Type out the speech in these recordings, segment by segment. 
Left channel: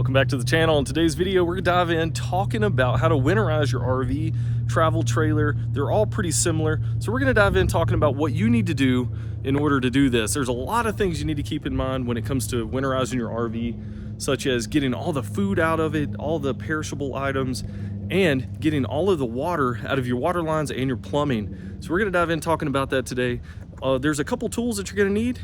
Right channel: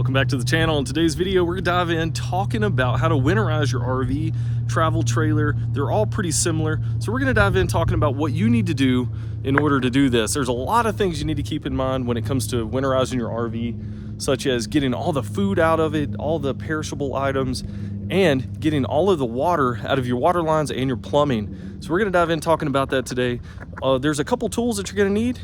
Welcome back to the channel. In today's video, we're gonna dive in talking about how to winterize your RV, travel trailer. They're all pretty similar. So we're gonna dive in talking about what you need to do in order to do this. There's a lot of things you need to keep in mind when it comes to winterizing your RV, such as getting all the food out of it, all the perishable items, and getting all of the water out of your water lines and your plumbing. So we're gonna dive in talking about that today. There's a couple tools that you're gonna need.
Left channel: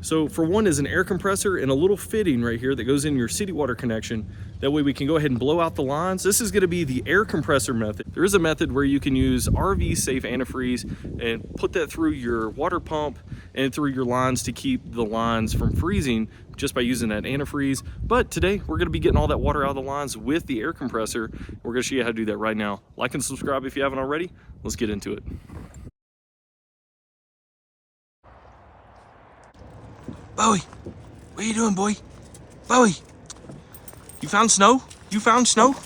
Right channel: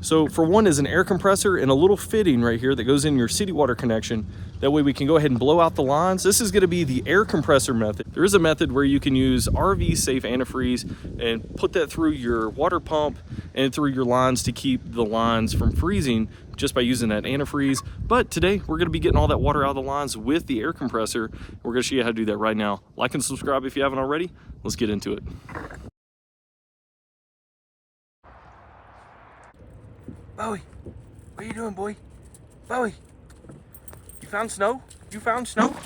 So for one is an air compressor and a little fitting right here that goes in your city water connection. That way we can go ahead and blow out the lines. This is gonna be the air compressor method. There is a method where you can use RV safe antifreeze and put that through your water pump and through your lines to keep the lines from freezing just by using that antifreeze. But today we're gonna be getting all that water out of the lines with the air compressor. We're gonna show you how to do that right now. Like and subscribe if you haven't already. Let's get into it. Bowie, what are you doing, boy? Bowie, you found snow? You found snow?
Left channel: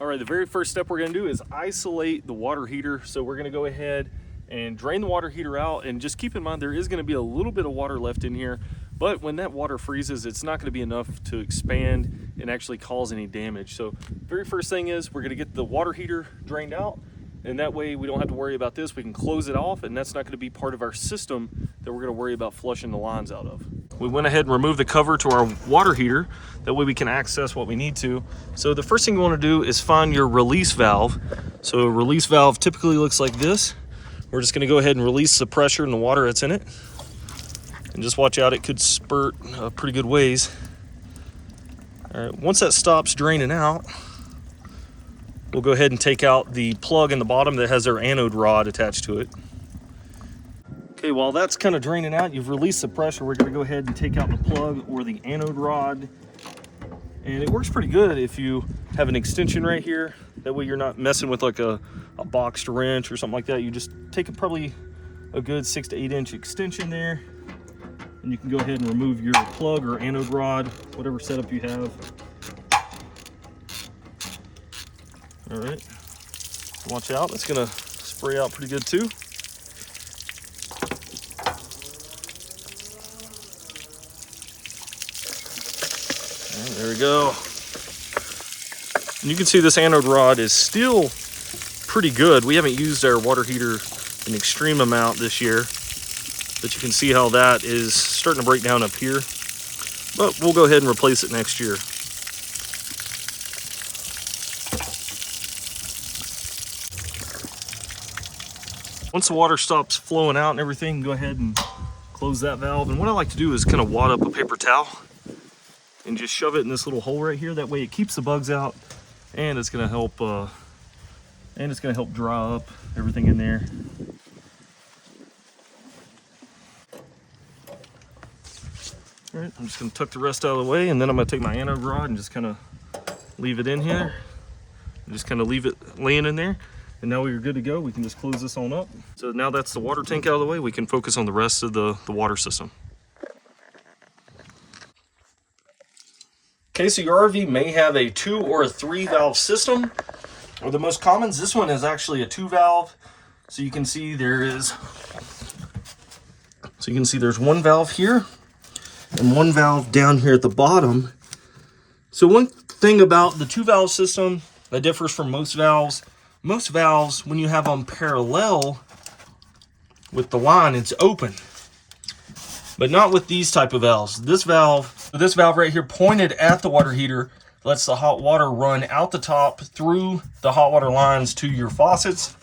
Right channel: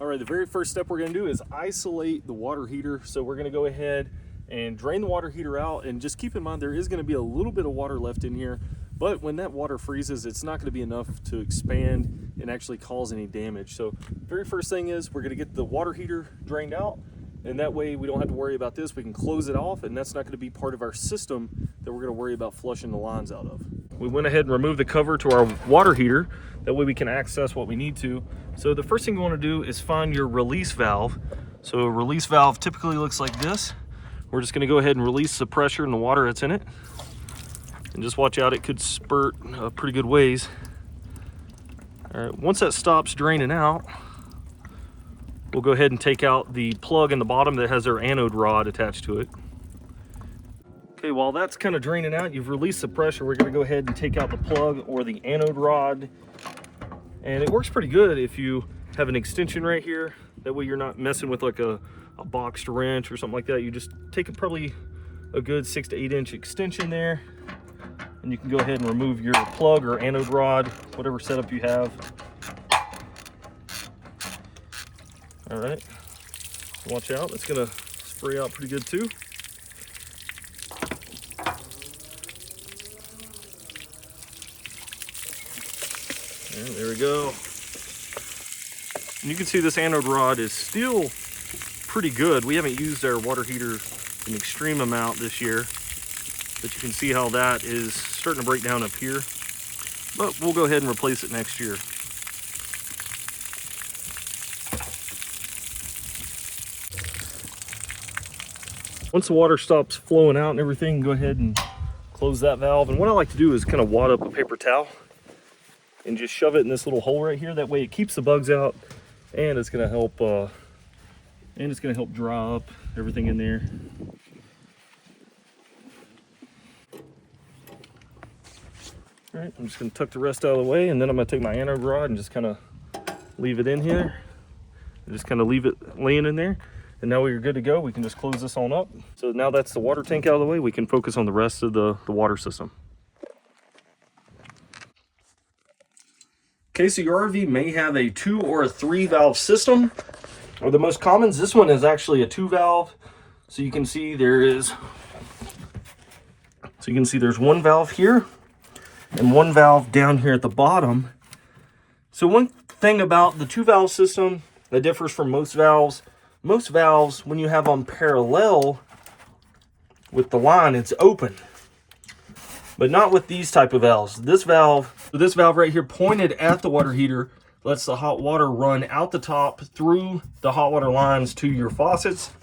All right, the very first step we're gonna do is isolate the water heater. So we're gonna go ahead and drain the water heater out, and just keep in mind there is gonna be a little bit of water left in here, but when that water freezes, it's not gonna be enough to expand and actually cause any damage. So very first thing is we're gonna get the water heater drained out, and that way we don't have to worry about this. We can close it off, and that's not gonna be part of our system that we're gonna worry about flushing the lines out of. We went ahead and removed the cover to our water heater. That way we can access what we need to. So the first thing you wanna do is find your release valve. So a release valve typically looks like this. We're just gonna go ahead and release the pressure in the water that's in it. And just watch out, it could spurt pretty good ways. All right, once that stops draining out, we'll go ahead and take out the plug in the bottom that has our anode rod attached to it. Okay, while that's kind of draining out, you've released the pressure. We're gonna go ahead and take out the plug or the anode rod. And it works pretty good if you have an extension right here. That way you're not messing with like a boxed wrench or something like that. You just take probably a good 6 to 8 inch extension there. And you can go ahead and remove your plug or anode rod, whatever setup you have. All right, watch out, it's gonna spray out pretty good too. There we go. And you can see this anode rod is still pretty good. We haven't used our water heater an extreme amount this year, but you can see how that is starting to break down up here. But we'll go ahead and replace it next year. Once the water stops flowing out and everything, go ahead and close that valve. And what I like to do is kind of wad up a paper towel and just shove it in this little hole right here. That way it keeps the bugs out, and it's gonna help dry up everything in there. All right, I'm just gonna tuck the rest out of the way, and then I'm gonna take my anode rod and just kind of leave it in here. And just kind of leave it laying in there. And now we're good to go. We can just close this on up. So now that's the water tank out of the way, we can focus on the rest of the water system. Okay, so your RV may have a 2 or a 3 valve system, or the most commons. This one is actually a 2 valve. So you can see there's one valve here and one valve down here at the bottom. So one thing about the 2 valve system that differs from most valves, when you have them parallel with the line, it's open. But not with these type of valves. This valve right here pointed at the water heater lets the hot water run out the top through the hot water lines to your faucets.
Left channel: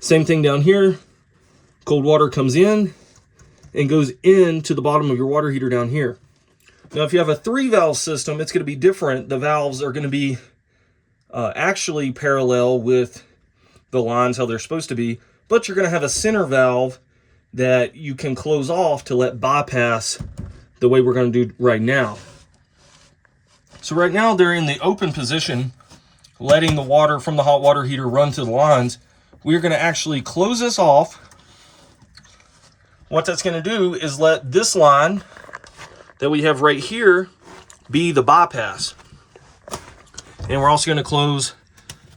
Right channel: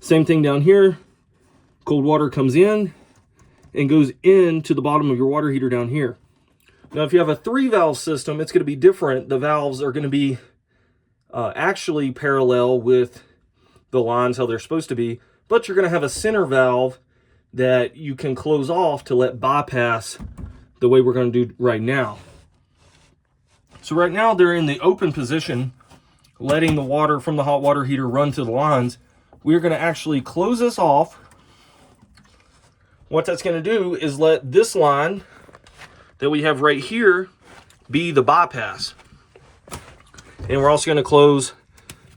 Same thing down here. Cold water comes in and goes into the bottom of your water heater down here. Now, if you have a 3 valve system, it's going to be different. The valves are going to be actually parallel with the lines how they're supposed to be, but you're going to have a center valve that you can close off to let bypass the way we're going to do right now. So right now they're in the open position, letting the water from the hot water heater run to the lines. We're going to actually close this off. What that's going to do is let this line that we have right here be the bypass. And we're also going to close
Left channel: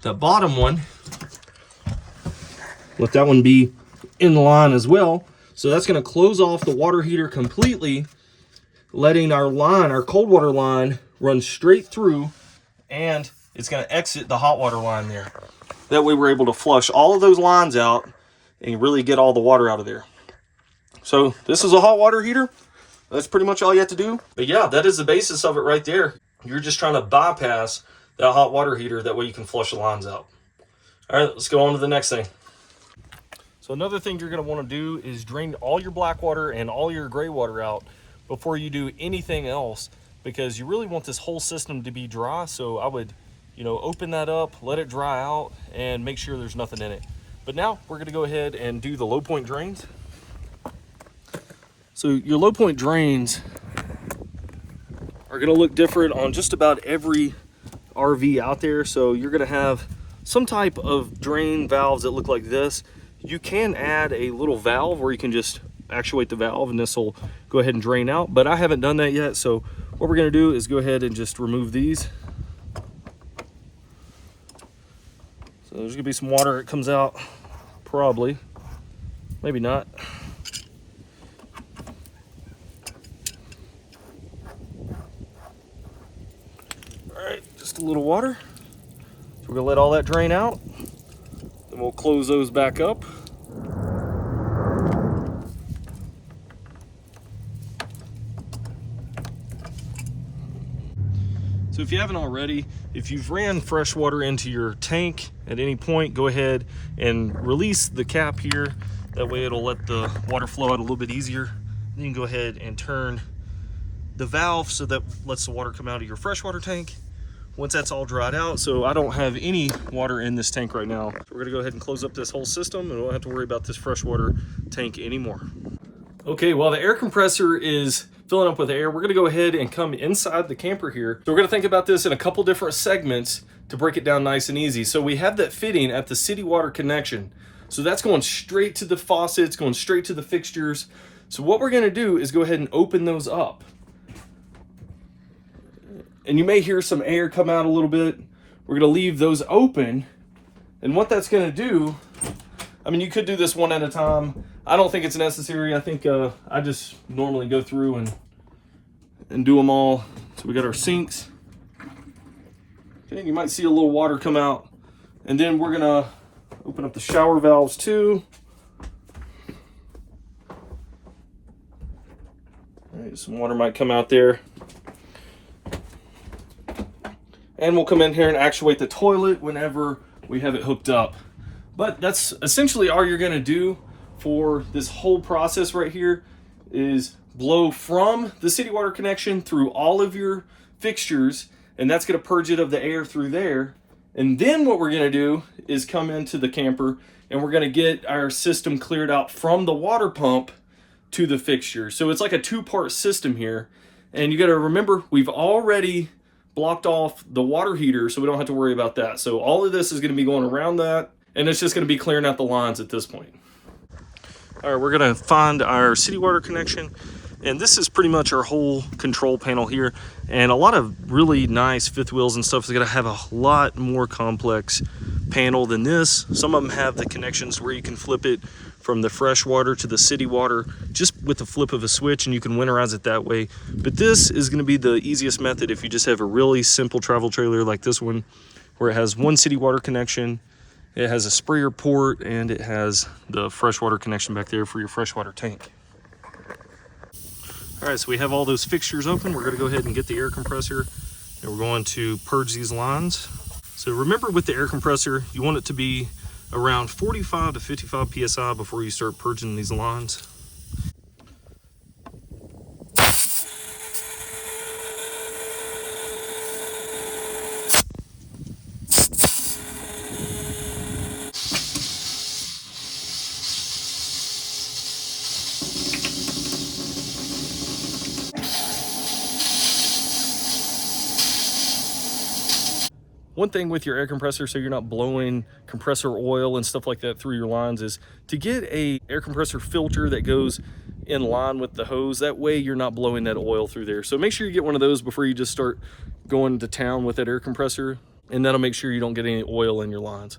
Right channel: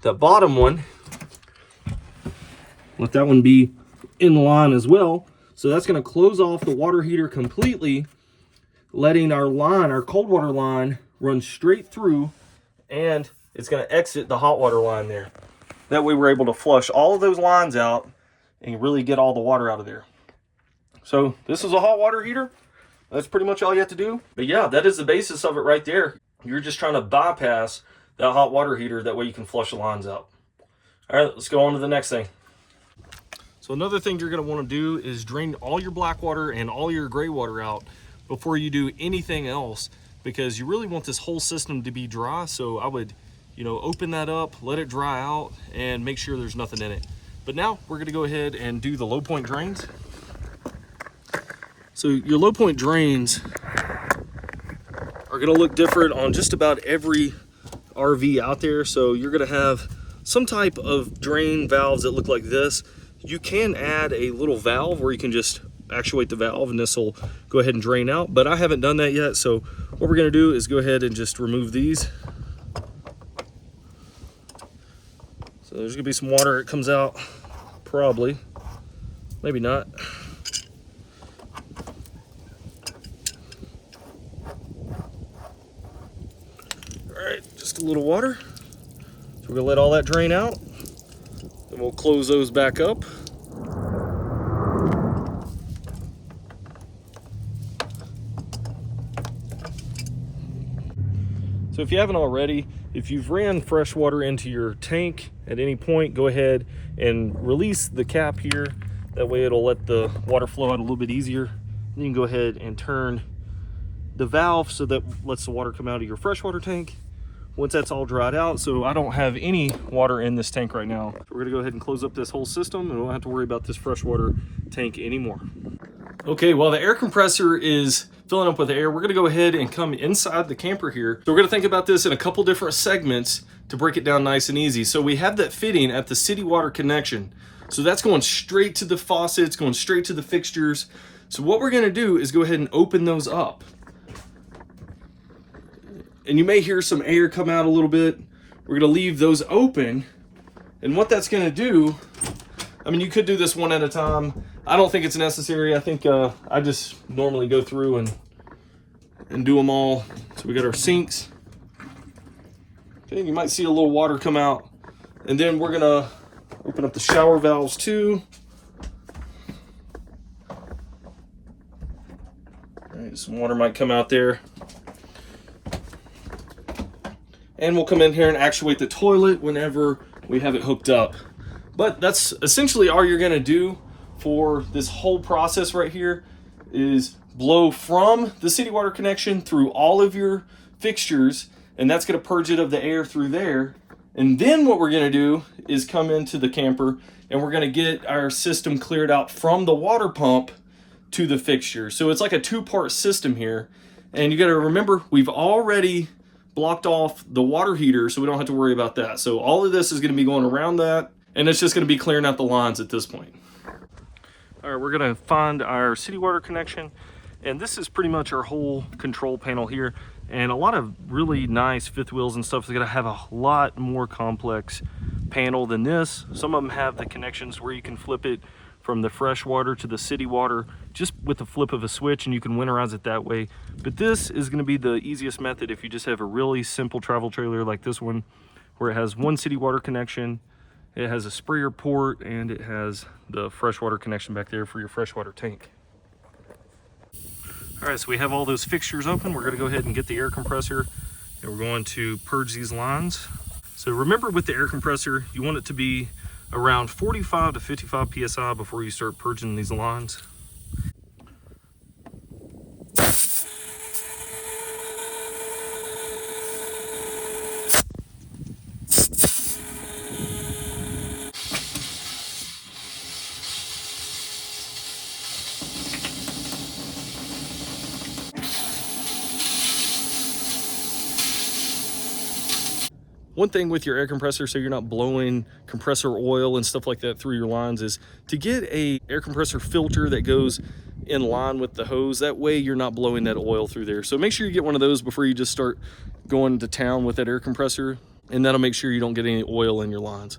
the bottom one. Let that one be in line as well. So that's going to close off the water heater completely. letting our line, our cold water line, run straight through, and it's going to exit the hot water line there. That way we're able to flush all of those lines out and really get all the water out of there. So this is a hot water heater. That's pretty much all you have to do. But yeah, that is the basis of it right there. You're just trying to bypass that hot water heater. That way you can flush the lines out. All right, let's go on to the next thing. So another thing you're going to want to do is drain all your black water and all your gray water out before you do anything else, because you really want this whole system to be dry. So I would, open that up, let it dry out, and make sure there's nothing in it. But now we're going to go ahead and do the low point drains. So your low point drains are going to look different on just about every RV out there. So you're going to have some type of drain valves that look like this. You can add a little valve where you can just actuate the valve and this will go ahead and drain out, but I haven't done that yet. So what we're going to do is go ahead and just remove these. So there's going to be some water that comes out, probably, maybe not. All right, just a little water. So we're going to let all that drain out, then we'll close those back up. So if you haven't already, if you've ran fresh water into your tank at any point, go ahead and release the cap here. That way it'll let the water flow out a little bit easier. Then you can go ahead and turn the valve so that lets the water come out of your freshwater tank. Once that's all dried out, so I don't have any water in this tank right now. So we're gonna go ahead and close up this whole system and we won't have to worry about this freshwater tank anymore. Okay, while the air compressor is filling up with air, we're gonna go ahead and come inside the camper here. So we're gonna think about this in a couple different segments to break it down nice and easy. So we have that fitting at the city water connection. So that's going straight to the faucets, going straight to the fixtures. So what we're gonna do is go ahead and open those up. And you may hear some air come out a little bit. We're gonna leave those open. And what that's gonna do, I mean, you could do this one at a time. I don't think it's necessary. I think I just normally go through and do them all. So we got our sinks. Okay, you might see a little water come out. And then we're gonna open up the shower valves too. All right, some water might come out there. And we'll come in here and actuate the toilet whenever we have it hooked up. But that's essentially all you're gonna do for this whole process right here, is blow from the city water connection through all of your fixtures, and that's gonna purge it of the air through there. And then what we're gonna do is come into the camper and we're gonna get our system cleared out from the water pump to the fixture. So it's like a two-part system here. And you gotta remember, we've already blocked off the water heater, so we don't have to worry about that. So all of this is gonna be going around that, and it's just gonna be clearing out the lines at this point. All right, we're gonna find our city water connection, and this is pretty much our whole control panel here. And a lot of really nice fifth wheels and stuff is gonna have a lot more complex panel than this. Some of them have the connections where you can flip it from the fresh water to the city water just with the flip of a switch, and you can winterize it that way. But this is gonna be the easiest method if you just have a really simple travel trailer like this one, where it has one city water connection, it has a sprayer port, and it has the freshwater connection back there for your freshwater tank. All right, so we have all those fixtures open. We're gonna go ahead and get the air compressor, and we're going to purge these lines. So remember, with the air compressor, you want it to be around 45 to 55 PSI before you start purging these lines. One thing with your air compressor, so you're not blowing compressor oil and stuff like that through your lines, is to get a air compressor filter that goes in line with the hose. That way you're not blowing that oil through there. So make sure you get one of those before you just start going to town with that air compressor, and that'll make sure you don't get any oil in your lines.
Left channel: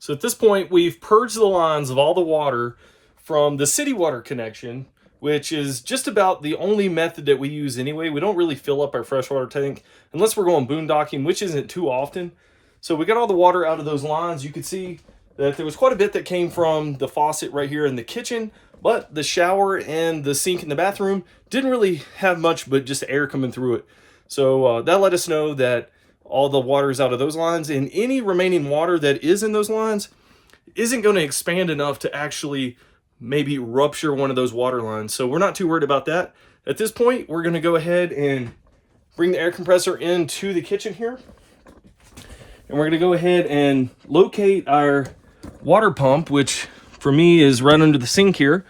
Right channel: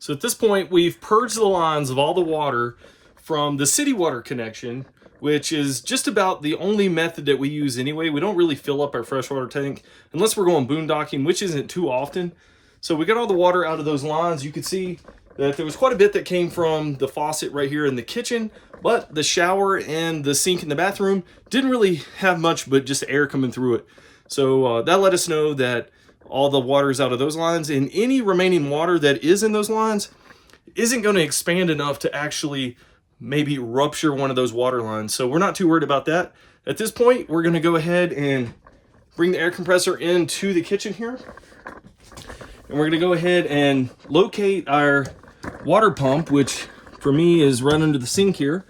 So at this point, we've purged the lines of all the water from the city water connection, which is just about the only method that we use anyway. We don't really fill up our freshwater tank unless we're going boondocking, which isn't too often. So we got all the water out of those lines. You could see that there was quite a bit that came from the faucet right here in the kitchen, but the shower and the sink in the bathroom didn't really have much but just air coming through it. So that let us know that all the water is out of those lines, and any remaining water that is in those lines isn't going to expand enough to actually maybe rupture one of those water lines. So we're not too worried about that. At this point, we're going to go ahead and bring the air compressor into the kitchen here. And we're going to go ahead and locate our water pump, which for me is right under the sink here.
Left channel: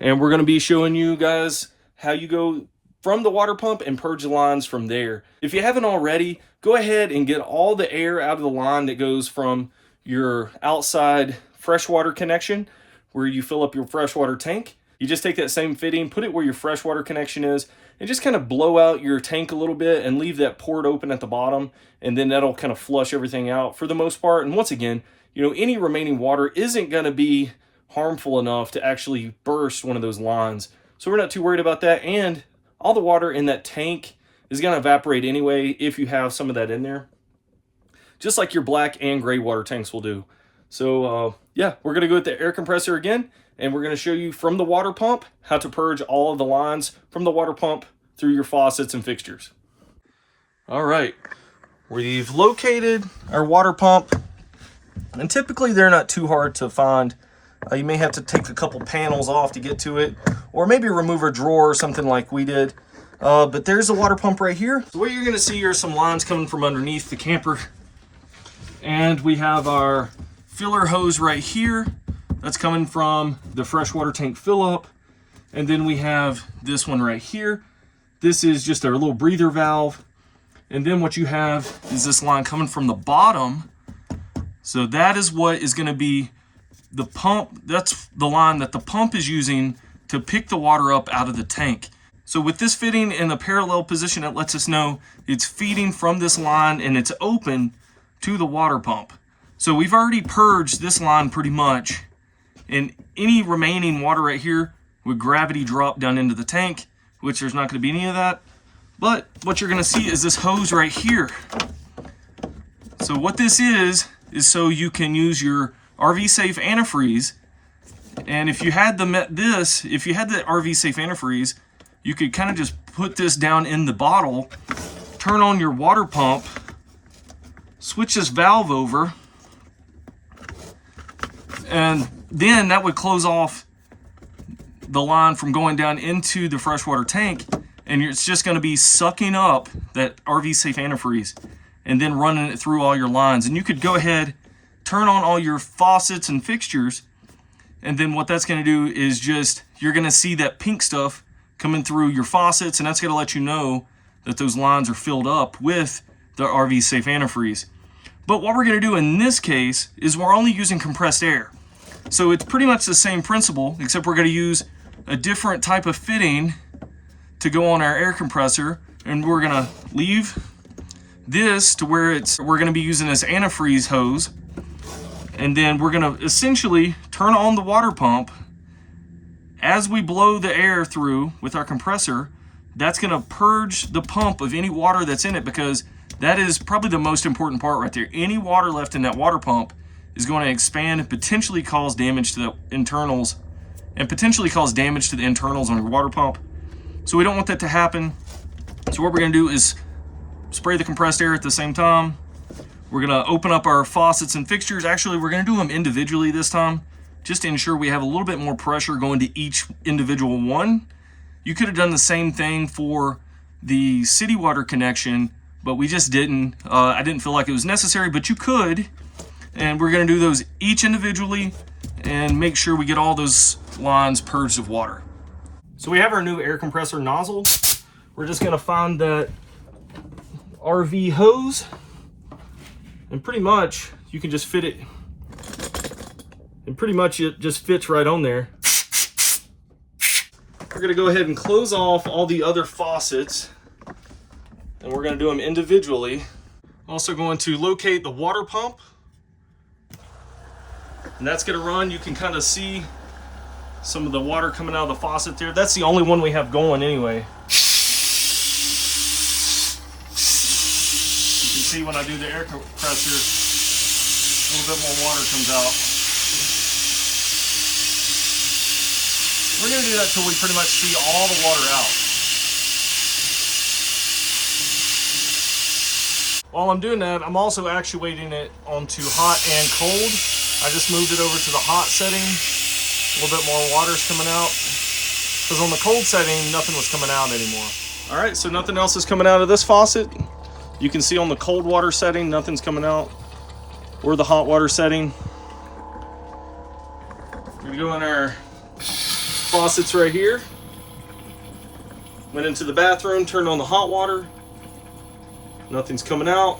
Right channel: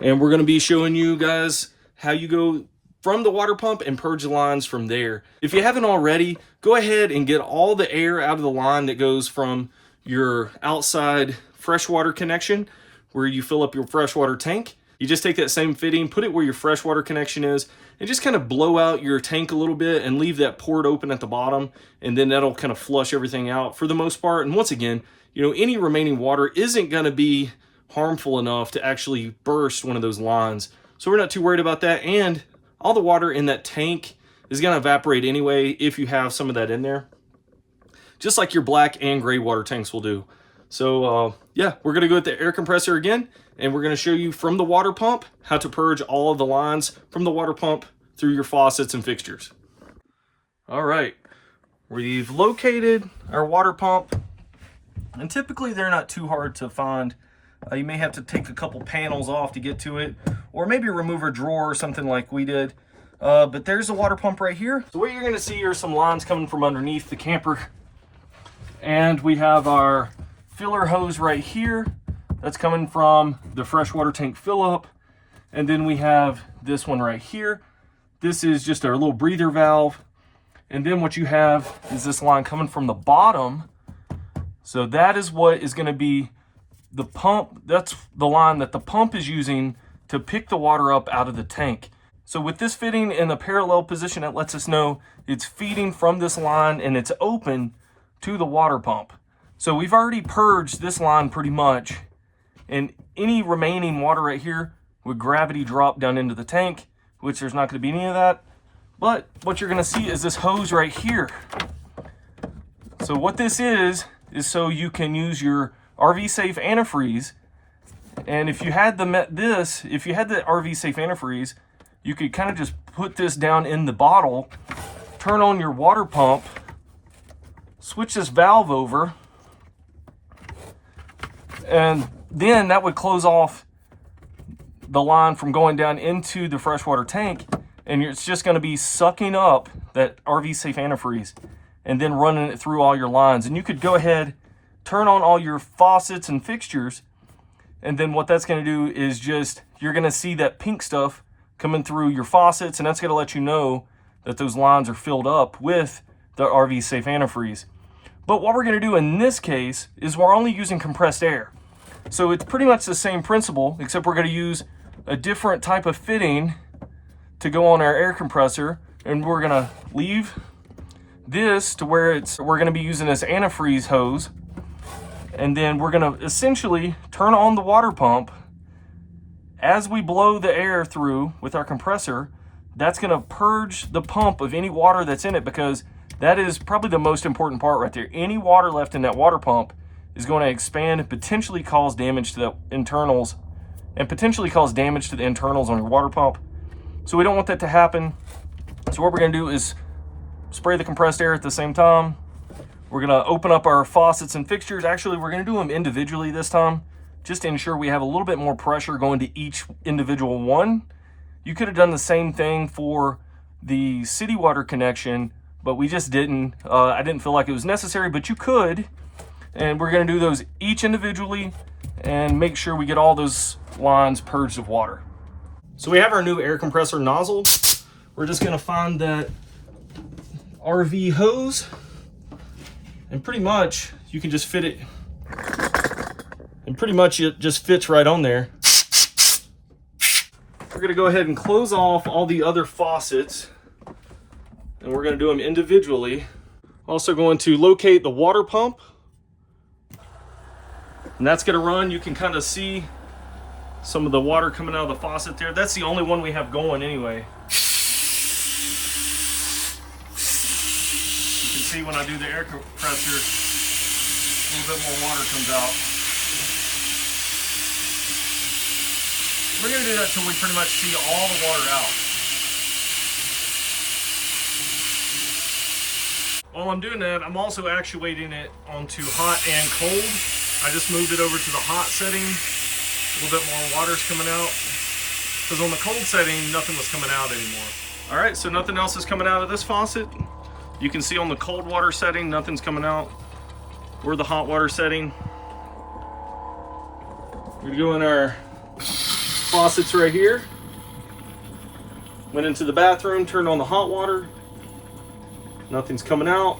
And we're going to be showing you guys how you go from the water pump and purge the lines from there. If you haven't already, go ahead and get all the air out of the line that goes from your outside freshwater connection where you fill up your freshwater tank. You just take that same fitting, put it where your freshwater connection is, and just kind of blow out your tank a little bit and leave that port open at the bottom, and then that'll kind of flush everything out for the most part. And once again, you know, any remaining water isn't going to be harmful enough to actually burst one of those lines. So we're not too worried about that. And all the water in that tank is going to evaporate anyway if you have some of that in there, just like your black and gray water tanks will do. So yeah, we're going to go with the air compressor again, and we're going to show you from the water pump how to purge all of the lines from the water pump through your faucets and fixtures. All right, we've located our water pump, and typically they're not too hard to find. You may have to take a couple panels off to get to it, or maybe remove a drawer or something like we did. But there's the water pump right here. So what you're going to see are some lines coming from underneath the camper. And we have our filler hose right here. That's coming from the freshwater tank fill up. And then we have this one right here. This is just our little breather valve. And then what you have is this line coming from the bottom. So that is what is going to be the pump. That's the line that the pump is using to pick the water up out of the tank. So with this fitting in a parallel position, it lets us know it's feeding from this line and it's open to the water pump. So we've already purged this line pretty much, and any remaining water right here would gravity drop down into the tank, which there's not going to be any of that. But what you're going to see is this hose right here. So what this is so you can use your RV safe antifreeze. And if you had the RV safe antifreeze, you could kind of just put this down in the bottle, turn on your water pump, switch this valve over, and then that would close off the line from going down into the freshwater tank, and it's just going to be sucking up that RV safe antifreeze and then running it through all your lines. And you could go ahead, turn on all your faucets and fixtures, and then what that's going to do is just, you're going to see that pink stuff coming through your faucets, and that's going to let you know that those lines are filled up with the RV safe antifreeze. But what we're going to do in this case is we're only using compressed air. So it's pretty much the same principle, except we're going to use a different type of fitting to go on our air compressor, and we're going to leave this to where we're going to be using this antifreeze hose, and then we're going to essentially turn on the water pump. As we blow the air through with our compressor, that's going to purge the pump of any water that's in it, because that is probably the most important part right there. Any water left in that water pump is going to expand and potentially cause damage to the internals, on your water pump. So we don't want that to happen. So what we're going to do is spray the compressed air at the same time. We're going to open up our faucets and fixtures. Actually, we're going to do them individually this time, just to ensure we have a little bit more pressure going to each individual one. You could have done the same thing for the city water connection, but we just didn't. I didn't feel like it was necessary, but you could. And we're going to do those each individually and make sure we get all those lines purged of water. So we have our new air compressor nozzle. We're just going to find that RV hose, and pretty much you can just fit it, and pretty much it just fits right on there. We're going to go ahead and close off all the other faucets, and we're going to do them individually. Also going to locate the water pump, and that's going to run. You can kind of see some of the water coming out of the faucet there. That's the only one we have going anyway. You can see when I do the air compressor, a little bit more water comes out. We're gonna do that till we pretty much see all the water out. While I'm doing that, I'm also actuating it onto hot and cold. I just moved it over to the hot setting. A little bit more water's coming out. Because on the cold setting, nothing was coming out anymore. All right, so nothing else is coming out of this faucet. You can see on the cold water setting, nothing's coming out. Or the hot water setting. We go in our faucets right here. Went into the bathroom, turned on the hot water. Nothing's coming out.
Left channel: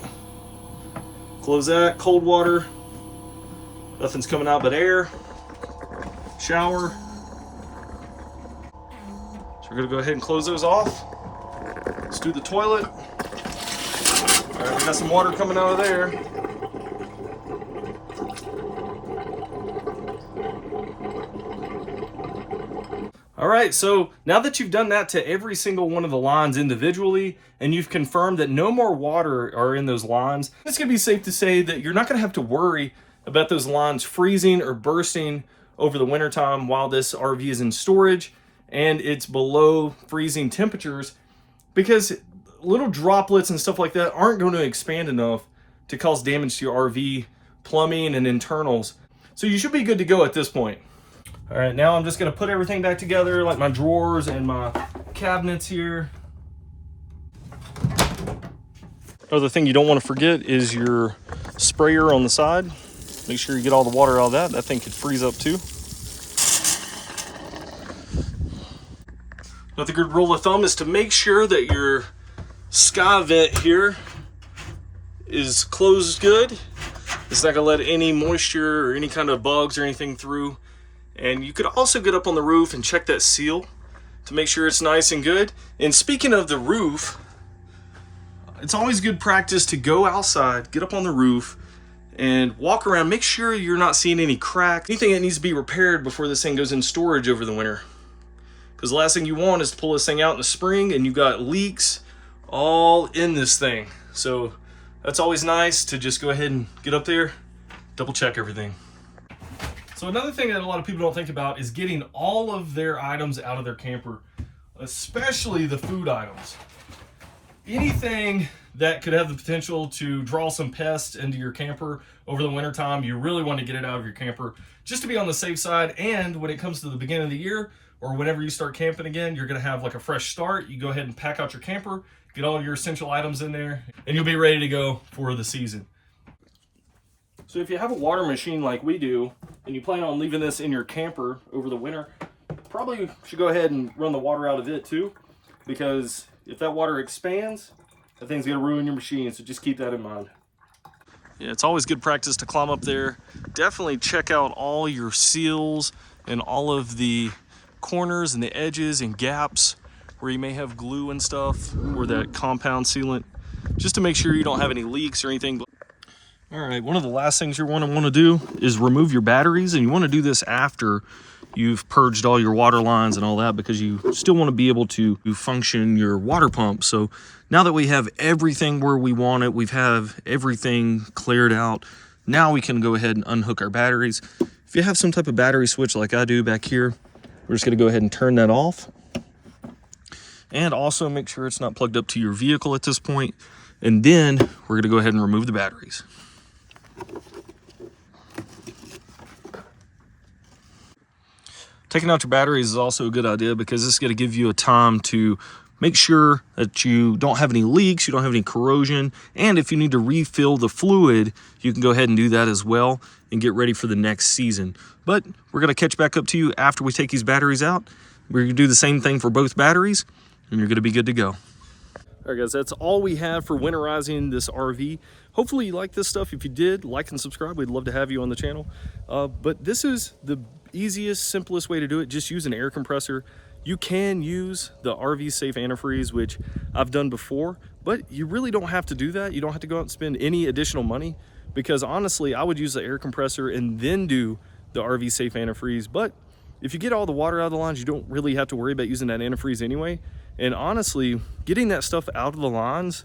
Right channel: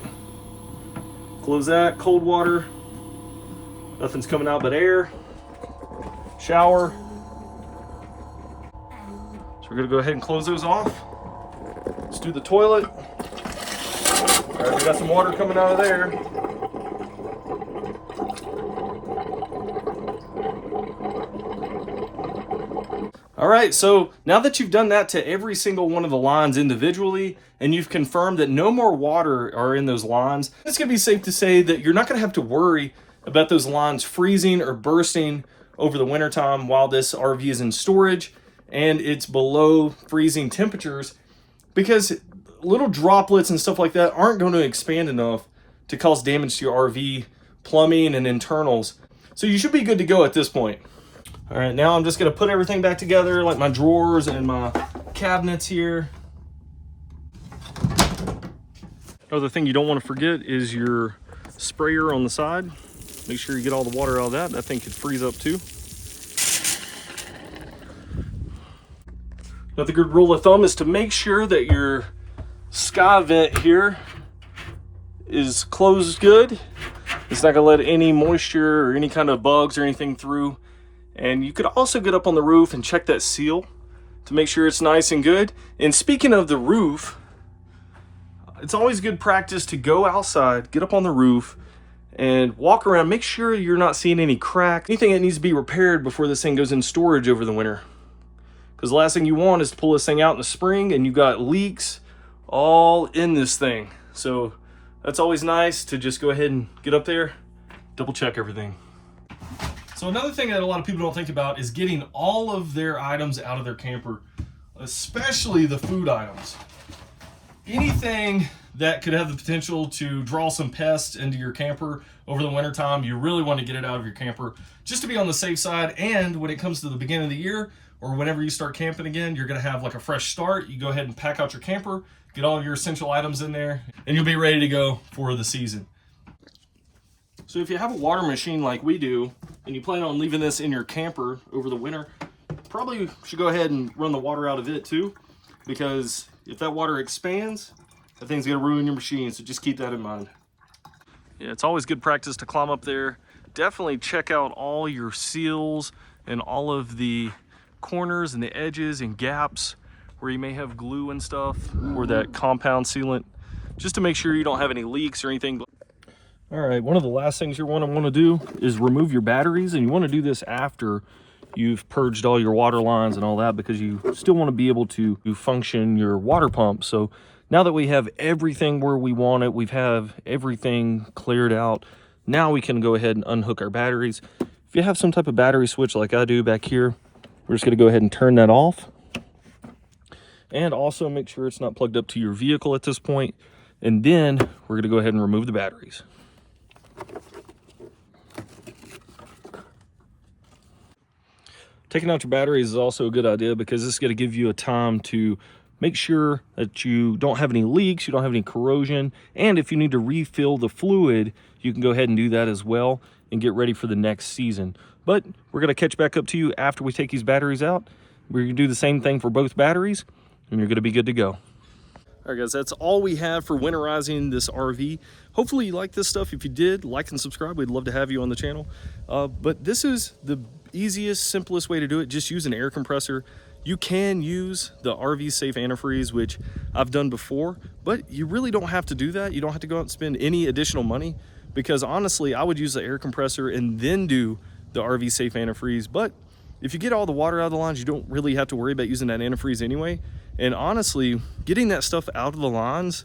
Close that. Cold water. Nothing's coming out but air. Shower. So we're gonna go ahead and close those off. Let's do the toilet. All right, we got some water coming out of there. All right, so now that you've done that to every single one of the lines individually, and you've confirmed that no more water are in those lines, it's gonna be safe to say that you're not gonna have to worry about those lines freezing or bursting over the wintertime while this RV is in storage and it's below freezing temperatures, because little droplets and stuff like that aren't going to expand enough to cause damage to your RV plumbing and internals. So you should be good to go at this point. All right, now I'm just gonna put everything back together, like my drawers and my cabinets here. Other thing you don't want to forget is your sprayer on the side. Make sure you get all the water out of that. That thing could freeze up too. Another good rule of thumb is to make sure that your sky vent here is closed good. It's not gonna let any moisture or any kind of bugs or anything through. And you could also get up on the roof and check that seal to make sure it's nice and good. And speaking of the roof, it's always good practice to go outside, get up on the roof, and walk around. Make sure you're not seeing any cracks, anything that needs to be repaired before this thing goes in storage over the winter. Because the last thing you want is to pull this thing out in the spring and you've got leaks all in this thing. So that's always nice to just go ahead and get up there, double check everything. So another thing that a lot of people don't think about is getting all of their items out of their camper, especially the food items. Anything that could have the potential to draw some pests into your camper over the wintertime, you really want to get it out of your camper just to be on the safe side. And when it comes to the beginning of the year or whenever you start camping again, you're going to have like a fresh start. You go ahead and pack out your camper, get all your essential items in there, and you'll be ready to go for the season. So if you have a water machine like we do, and you plan on leaving this in your camper over the winter, probably should go ahead and run the water out of it too, because if that water expands, that thing's gonna ruin your machine, so just keep that in mind. Yeah, it's always good practice to climb up there. Definitely check out all your seals and all of the corners and the edges and gaps where you may have glue and stuff, or that compound sealant, just to make sure you don't have any leaks or anything. All right, one of the last things you're going to want to do is remove your batteries, and you want to do this after you've purged all your water lines and all that, because you still want to be able to function your water pump. So now that we have everything where we want it, we've have everything cleared out, now we can go ahead and unhook our batteries. If you have some type of battery switch like I do back here, we're just going to go ahead and turn that off. And also make sure it's not plugged up to your vehicle at this point. And then we're going to go ahead and remove the batteries. Taking out your batteries is also a good idea, because this is going to give you a time to make sure that you don't have any leaks, you don't have any corrosion, and if you need to refill the fluid, you can go ahead and do that as well and get ready for the next season. But we're going to catch back up to you after we take these batteries out. We're going to do the same thing for both batteries, and you're going to be good to go. All right, guys, that's all we have for winterizing this RV. Hopefully you like this stuff. If you did, like and subscribe. We'd love to have you on the channel. But this is the easiest, simplest way to do it. Just use an air compressor. You can use the RV Safe antifreeze, which I've done before, but you really don't have to do that. You don't have to go out and spend any additional money, because honestly, I would use the air compressor and then do the RV Safe antifreeze. But if you get all the water out of the lines, you don't really have to worry about using that antifreeze anyway. And honestly, getting that stuff out of the lines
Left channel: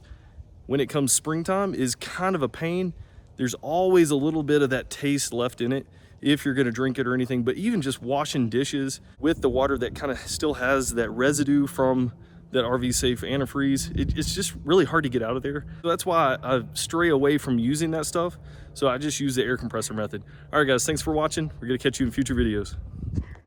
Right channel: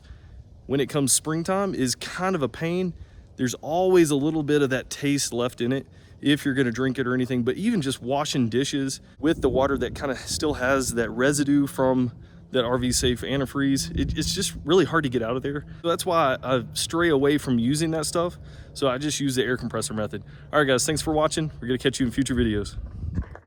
when it comes springtime is kind of a pain. There's always a little bit of that taste left in it if you're gonna drink it or anything, but even just washing dishes with the water that kind of still has that residue from that RV Safe antifreeze, it's just really hard to get out of there. So that's why I stray away from using that stuff. So I just use the air compressor method. All right guys, thanks for watching. We're gonna catch you in future videos.